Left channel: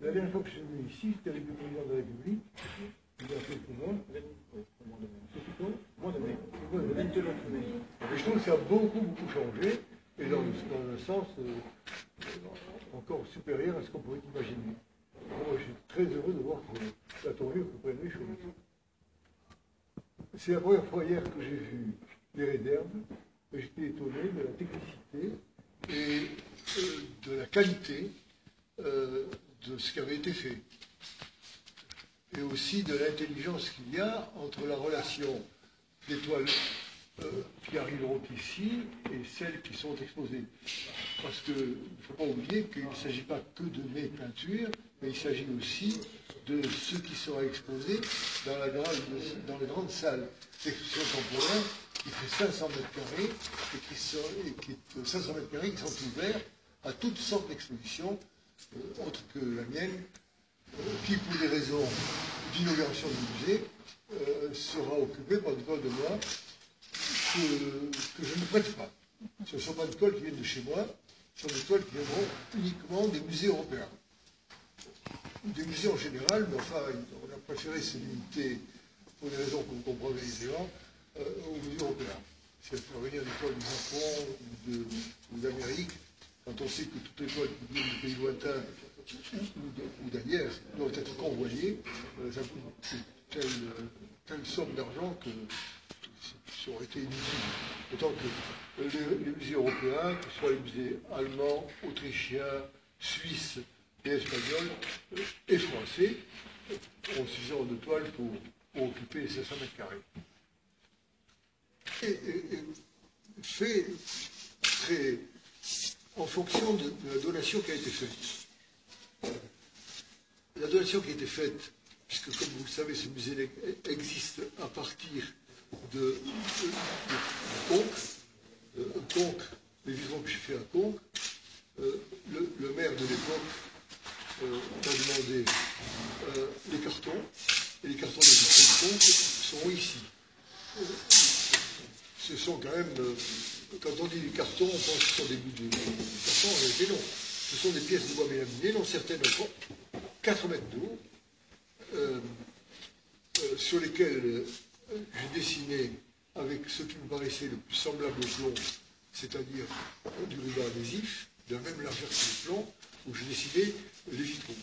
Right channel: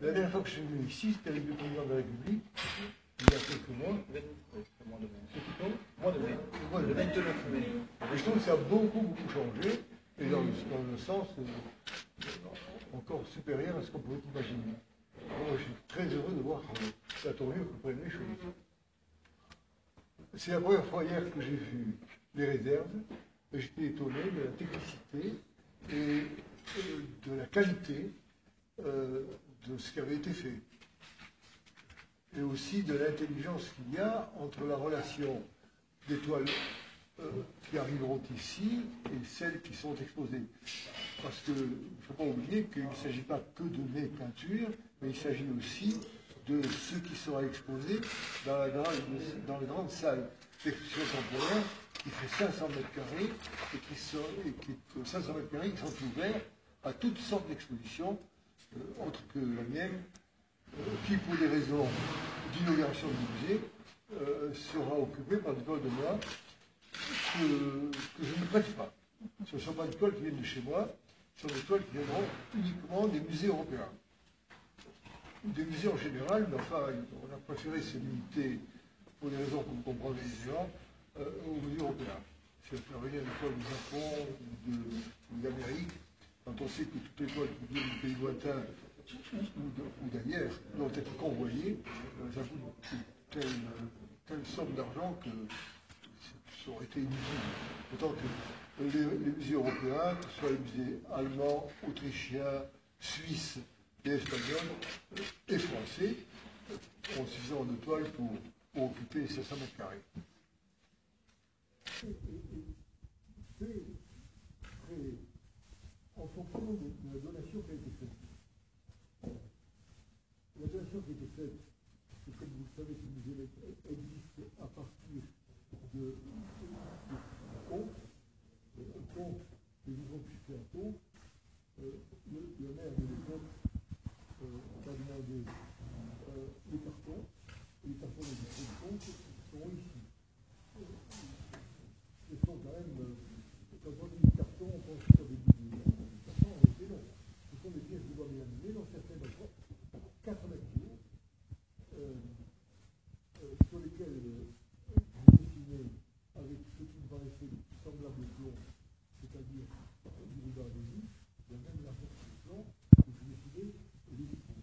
La dernière fois que je suis venu ici, c'était avec le président de la République, il y a quelques mois. C'était quand? Mois de mai. Le 29 mai. Et je trouve que ça a beaucoup changé, et dans un sens encore supérieur à ce qu'on pouvait imaginer. Moi, je suis très heureux de voir la tournure que prennent les choses. C'est la première fois hier que j'ai vu les réserves, et j'étais étonné de la technicité et de la qualité de ce qui avait été fait. Et aussi de l'intelligence qu'il y a entre la relation des toiles qui arriveront ici et celles qui sont exposées. Parce qu'il ne faut pas oublier qu'il ne s'agit pas que de mes peintures, mais il s'agit aussi de ce qui sera exposé dans les grandes salles d'exposition temporaire qui fait 500 mètres carrés et qui 500 mètres carrés qui sont ouverts à toutes sortes d'expositions, autres que la mienne, qui, pour des raisons d'inauguration du musée, sera occupée par des toiles de moi que je ne prête pas. Ce ne sont pas des toiles qui viennent de chez moi, ce sont des toiles qui viendront uniquement des musées européens. Ou des musées en général, mais enfin, on a préféré se limiter, pour des raisons que vous comprendrez aisément, aux musées européens. Si on fait revenir des toiles du Japon ou d'Amérique, quand on sait que toutes les toiles qui viennent de pays lointains ou d'ailleurs doivent être convoyées, ça coûte telle somme d'argent que ça aurait été inutile. D'autant que les musées européens, que ce soit les musées allemands, autrichiens, suisses et espagnols et français, ont suffisamment de toiles pour occuper les 500 mètres carrés. Et fait très en fonction de la donation qui a été faite. La donation qui a été faite, puisque comme vous le savez, ce musée existe à partir de Conques, les vitraux que j'ai fait à Conques, le maire de l'époque m'a demandé les cartons, et les cartons des vitraux de Conques sont ici. Ce sont quand même, quand on dit des cartons, on pense que ce sont des bouts de carton, en réalité non. Ce sont des pièces de bois mélaminées, dont certaines ont 4 mètres de haut, sur lesquelles j'ai dessiné avec ce qui me paraissait le plus semblable au plomb, c'est-à-dire du ruban adhésif, de la même largeur que le plomb, où j'ai dessiné les vitraux.